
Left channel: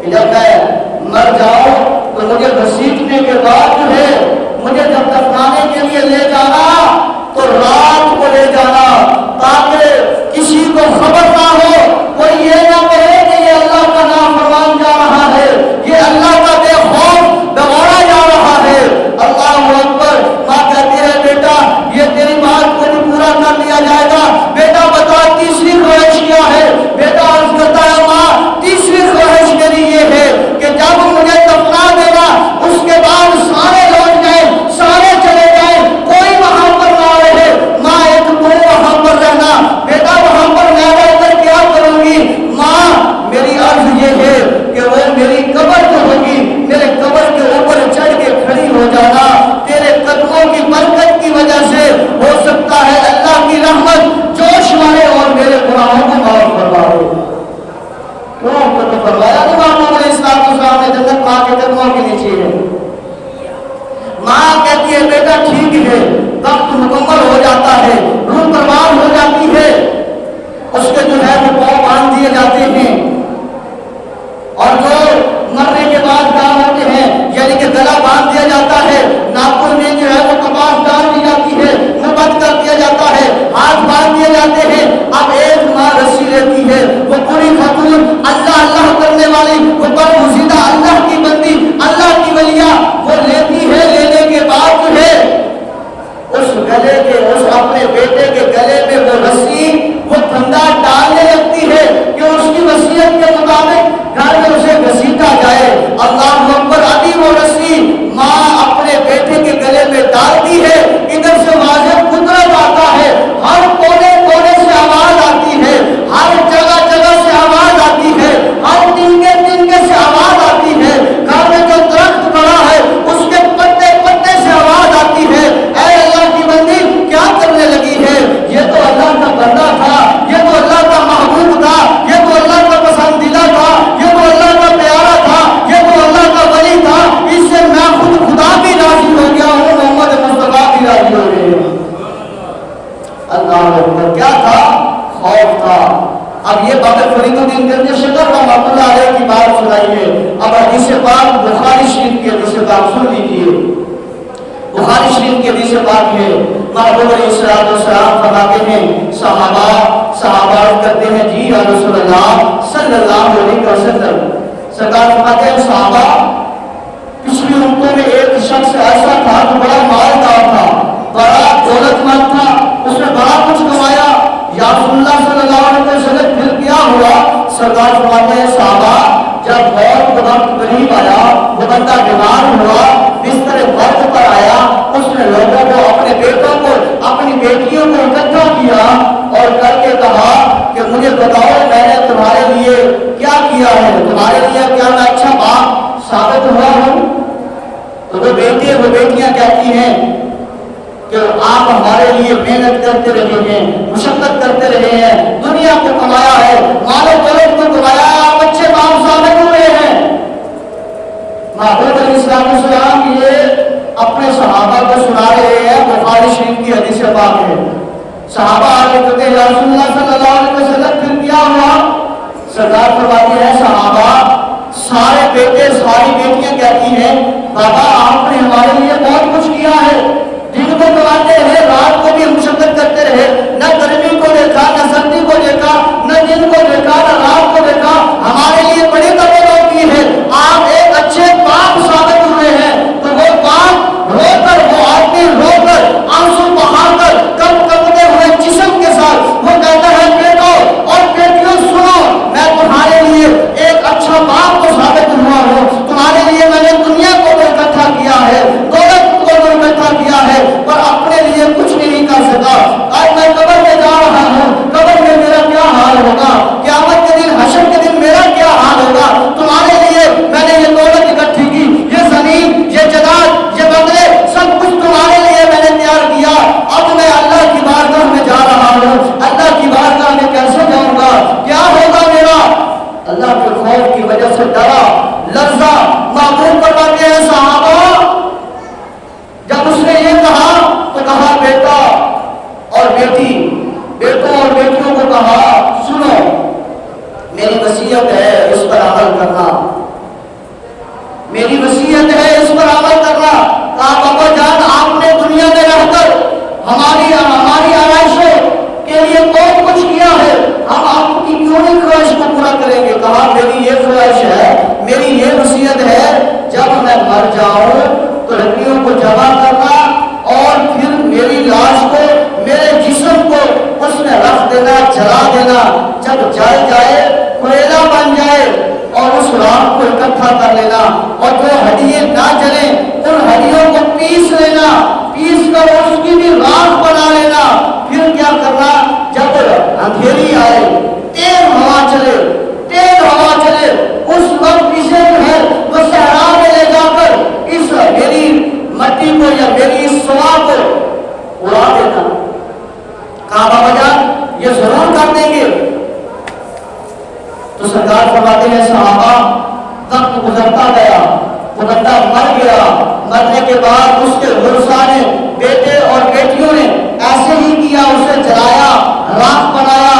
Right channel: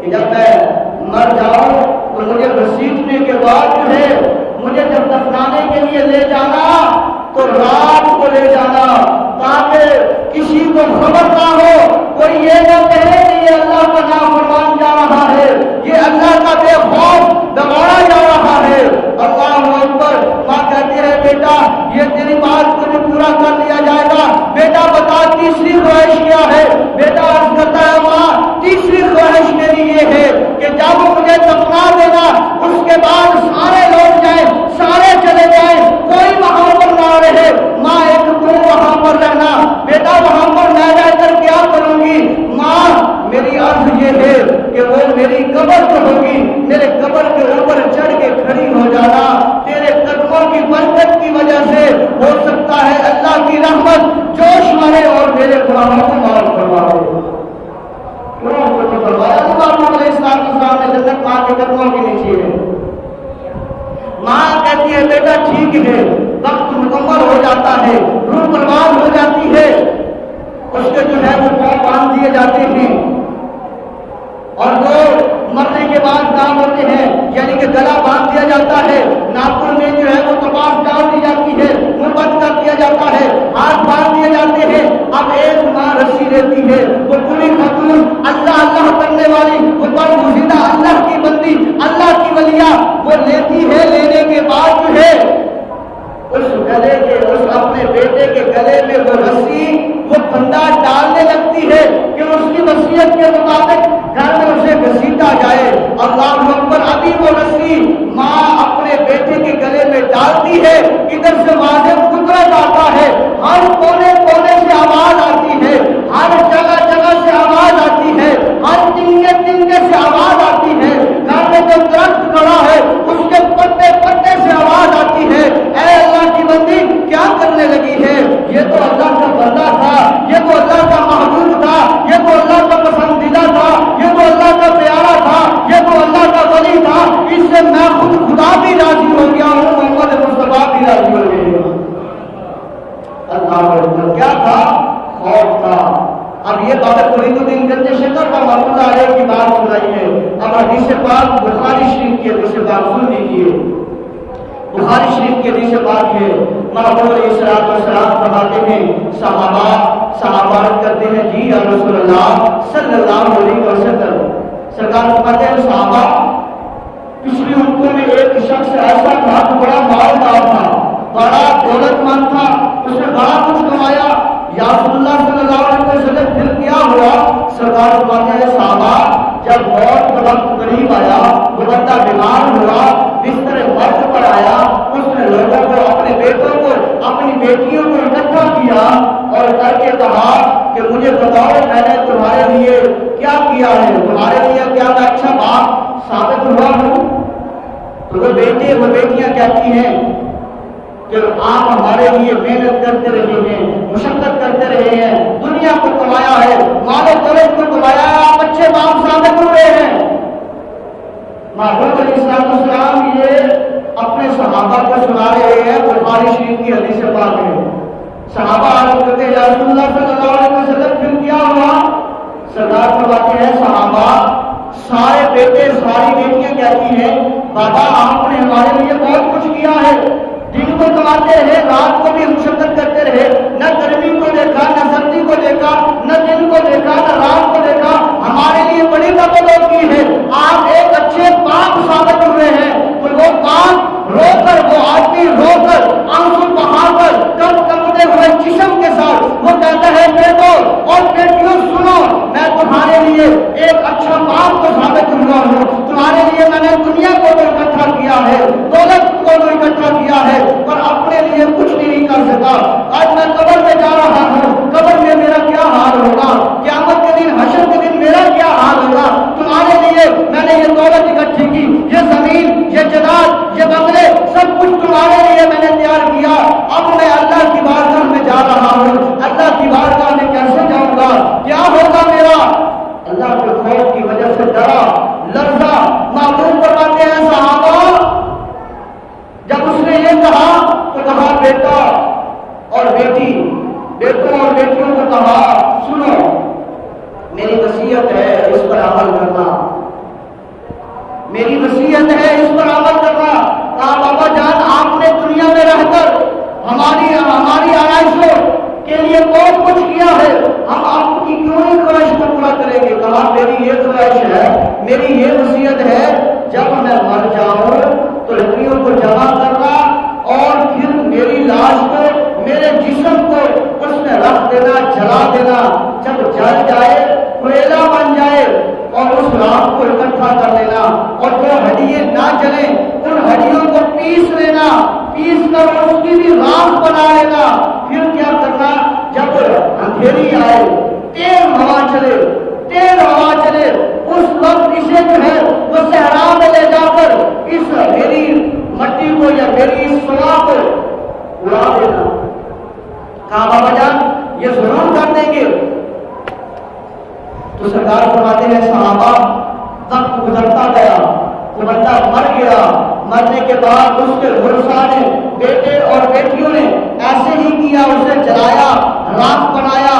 کہ جب میں مر جاؤں تو مجھے گھسیٹنے کے بعد جو ہے مجھے جب دفنانے کے لیے لے جانا تو رات کو لے جانا، تاکہ کسی کو خبر نہ ہو، کوئی یہ نہ کہے کہ یہ اللہ کا نافرمان جا رہا ہے، یہ اللہ کا بے خوف دوڑا جا رہا ہے۔ اللہ اکبر۔ ماں کہتی ہے بیٹا یہ تیری بات کو بھی پورا کر لیا جائے گا، بیٹا بتا تیسری خواہش کیا ہے؟ بیٹا عرض کرتا ہے ماں تیسری خواہش میری یہ ہے کہ جب مجھے دفنا دینا اس کے بعد سارے لوٹ جائیں، سارے چلے جائیں، کوئی وہاں پر نہ رہے، ماں ایک تو وہاں پر رہنا۔ بیٹا وہاں پر میں رہ کر کیا کروں گی؟ ماں میری عرض یہ ہے کہ وہ میری قبر جو ہوگی میرے قبر کے اوپر چڑھ کے کھڑی ہو جانا، تیرے قدموں کی برکت کی وجہ سے ہو سکتا ہے اللہ کی رحمت جوش مارے اور میرے گناہوں کو معاف فرما دے۔ کیوں تو فرمایا کہ محمد علیہ السلام نے جنت ماں کے قدموں کے نیچے ہے۔ ماں کہتی ہے بیٹا ٹھیک ہے، وقت مکمل ہو جاتا ہے، روح پروان ہو جاتی ہے، اس کے جو ہے وہ پاؤں باندھ دیے جاتے ہیں، اور جو مرنے کے بعد کام ہوتے ہیں یعنی کہ گلا باندھ دیا جاتا ہے، ناخن میں جو ہے وہ کپاس ڈال دی جاتی ہے، منہ بند کر دیا جاتا ہے، ہاتھ باندھ دیے جاتے ہیں۔ اب ایک ماں رسی لیتی ہے، وہ بری خاتون اللہ اللہ کرنے والی، وہ برگزیدہ اللہ کی بندی، اللہ کی ولیہ، وہ لیتی ہے، لینے کے بعد جو ہے اس گلے کے اس اپنے بیٹے کے گلے میں وہ رسی وہ پھندا ڈالنے لگتی ہے کہ اس کی وصیت کے مطابق گھر میں اسے گھسیٹا جائے۔ اللہ اکبر۔ ابھی وہ رسی ماں اپنے بیٹے کے گلے میں ڈالتی ہے، ادھر سے واضح قدرت آتا ہے، ہر کونے کونے سے آواز آتی ہے، ہر جگہ جگہ سے آواز آتی ہے، ہر تنکے تنکے سے آواز آتی ہے، گھر میں جو درخت کھڑا ہے اس کے پتے پتے سے آواز آتی ہے، اے اللہ کی بندی کیا کرنے لگی ہے؟ یہ تو اللہ کا بندہ تھا، یہ تو اللہ کا محبوب تھا، یہ تو اللہ کا پسندیدہ تھا، یہ تو اللہ کا پیارا تھا، یہ تو اللہ کا ولی تھا، اس سے میں خود خدا بھی راضی ہو گیا ہوں، محمد مصطفیٰ بھی راضی ہو گئے۔ اللہ اکبر۔ کیا تھا؟ خوف تھا۔ اب یہ بات فرید الدین گنج شکر رحمۃ اللہ علیہ کی بات سنائی ہے۔ اب حدیث پاک بخاری شریف کی حدیث پاک سن لیجیے۔ بخاری شریف کی حدیث پاک ہے، محبوب علیہ السلام فرماتے ہیں صحابہ کرتے ہیں جی یا رسول اللہ صلی اللہ علیہ وسلم، سرکار فرماتے ہیں صحابہ پچھلی امتوں میں ایک شخص ایسا تھا جو بڑا مالدار تھا، بڑا دولت مند تھا، اس نے بڑا کچھ کمایا، یا رسول اللہ صلی اللہ علیہ وسلم پھر کیا ہوا؟ سرکار فرماتے ہیں صحابہ جب موت کا وقت قریب آیا، وہ بندہ بیمار ہوا، بستر مرگ پر آیا، اس نے لوگوں کو، اپنے بیٹوں کو، اپنی بیٹیوں کو اکٹھا کیا اور کر کے کہا کہ مجھے بتاؤ میں نے تمہارے لیے کیا کیا ہے، تمہارے لیے کیا میں اچھا باپ ثابت ہوا ہوں؟ تو وہ بیٹے وہ بیٹیاں کہتی ہیں کہ آپ ہمارے لیے محنت کرتے رہے ہیں، مشقت کرتے رہے ہیں، دنیا کو کمایا ہے، مال و دولت کو کمایا ہے، آپ اچھے باپ ثابت ہوئے ہیں۔ محبوب علیہ السلام یہ اپنے صحابہ کو سنا رہے ہیں، بخاری شریف کی حدیث پاک ہے۔ صحابہ آگے کہتے ہیں یا رسول اللہ صلی اللہ علیہ وسلم پھر کیا ہوا؟ سرکار فرماتے ہیں صحابہ سارے بیٹے ساری بیٹیاں یہ کہا تو کہا بیٹا اور بیٹی، بیٹوں اور بیٹیوں کو کہا سنو میری وصیت ہے اس پر عمل کرنا، میری وصیت ہے اس پر عمل کرنا۔ کہا بابا جان آپ نے دنیا میں رہ کر ہماری آرائشوں کے لیے بہت کچھ کیا ہے، ہم آپ کی کیوں نہیں خواہش کو پورا کریں گے؟ کہا میری یہ خواہش ہے، میری یہ وصیت ہے، جب میں مر جاؤں تو لکڑیوں کو جمع کرنا اور پھر میری لاش کو، میرے جسم کو اس میں رکھ دینا، جلا دینا، جب جل جائے کوئلہ بن جائے اور اس راکھ کو اکٹھا کر لینا، اور جو ہڈیاں نہ جلیں ان ہڈیوں کو پیس لینا، پیس کر اس کی بھی راکھ بنا لینا۔ پھر کیا کرنا، جب اندھیری آئے، تیز ہوا چلے، تیز ہوا چلے، اس وقت اسے جو ہے وہ صحرا میں لے جا کر اس میری مٹی کو یا میری اس سوا کو اڑا دینا۔ کہا بابا جان یہ ضرور کر دیں گے۔ تو سرکار فرماتے ہیں صحابہ وقت گزرتا گیا، وہ بندہ مر گیا، مرنے کے بعد اس کے ورثاء بیٹے اور بیٹیوں نے ایسے ہی کیا، اسے جلایا، راکھ بنایا،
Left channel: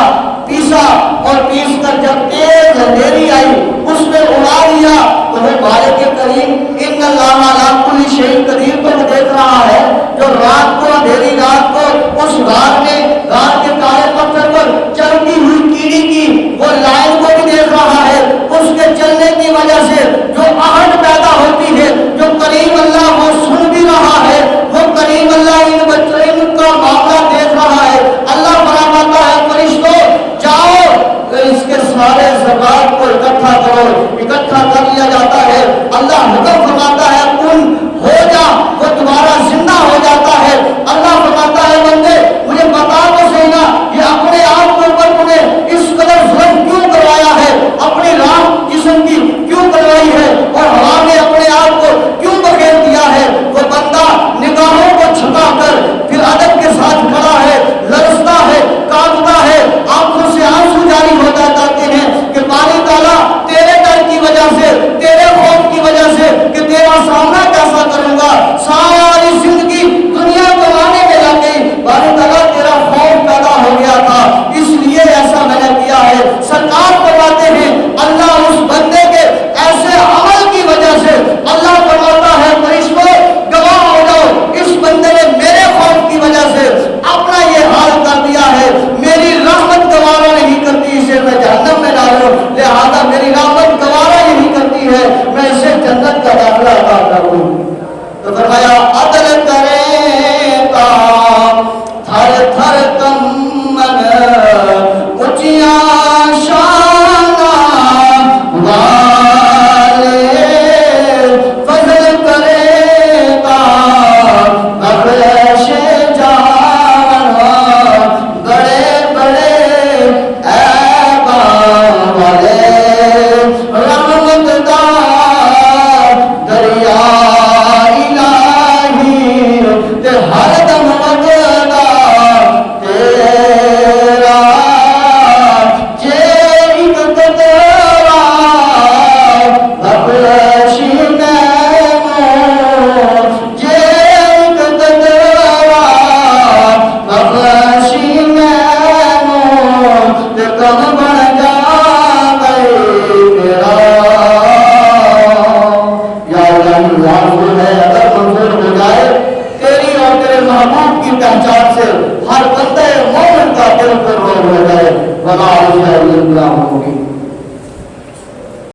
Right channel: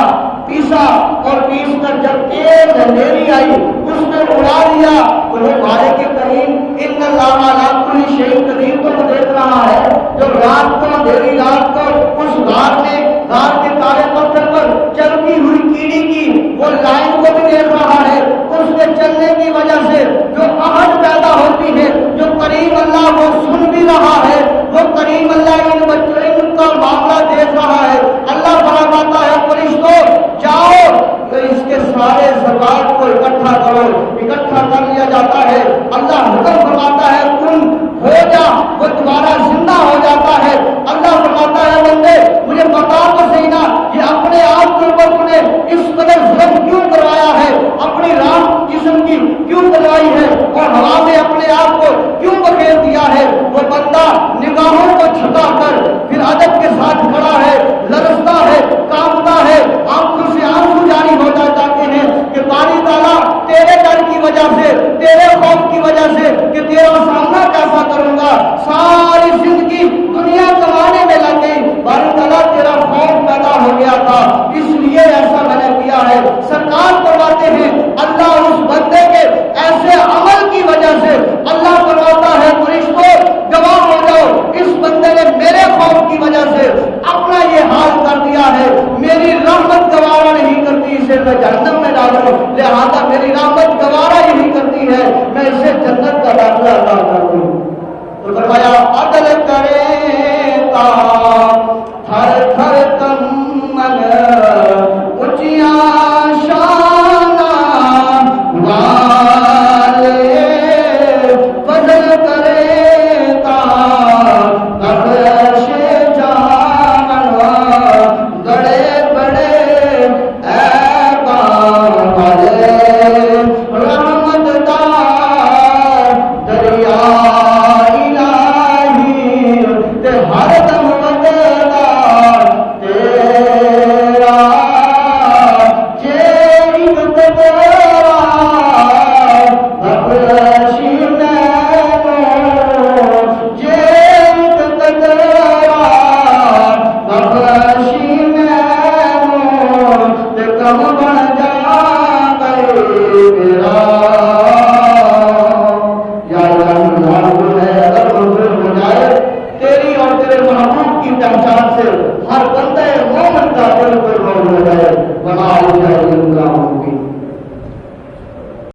پیسا، اور پیس کر جب تیز اندھیری آئی اس میں اڑا دیا۔ تو وہ مالک کریم ان اللہ علی کل شیء قدیر کو دیکھ رہا ہے، جو رات کو، اندھیری رات کو اس غار میں، غار کے کالے پتھر پر چلتی ہوئی کیڑی کی وہ لائن کو بھی دیکھ رہا ہے، اس کے چلنے کی وجہ سے جو آہٹ پیدا ہوتی ہے، جو کریم اللہ وہ سن بھی رہا ہے، وہ کریم اللہ ان بچوں کا معاملہ دیکھ رہا ہے۔ اللہ فرماتا ہے فرشتوں جاؤ اس کے سارے زکات کو اکٹھا کرو، اکٹھا کر لیا جاتا ہے۔ اللہ حکم فرماتا ہے کن ہو جا، وہ دوبارہ زندہ ہو جاتا ہے۔ اللہ فرماتا ہے بندے مجھے بتا تو صحیح نا، یہ اپنے آپ کے اوپر تم نے اس قدر ظلم کیوں کروایا ہے، اپنی راہ جسم کی کیوں کروائی ہے اور ہوا میں اپنے آپ کو کیوں بکھیر دیا ہے؟ وہ بندہ نگاہوں کو چھپا کر پھر ادب کے ساتھ کھڑا ہے، لرزتا ہے، کانپتا ہے، آنکھوں سے آنسو جاری ہو جاتے ہیں کہ باری تعالیٰ تیرے ڈر کی وجہ سے، تیرے خوف کی وجہ سے کہ تیرا سامنا کیسا کروں گا، ساری زندگی دنیا کمانے میں لگ گئی، باری تعالیٰ تیرا خوف پیدا ہو گیا تھا اس لیے ایسا میں نے کیا ہے۔ سرکار فرماتے ہیں اللہ اس بندے کے ایسے عمل کی وجہ سے اللہ فرماتا ہے فرشتوں گواہ ہو جاؤ، اس بندے نے میرے خوف کی وجہ سے اپنا یہ حال کر دیا ہے، میری رحمت گوارا نہیں کرتی اسے میں جہنم میں ڈالوں، لہذا میری رحمت گوارا یہی کرتی ہے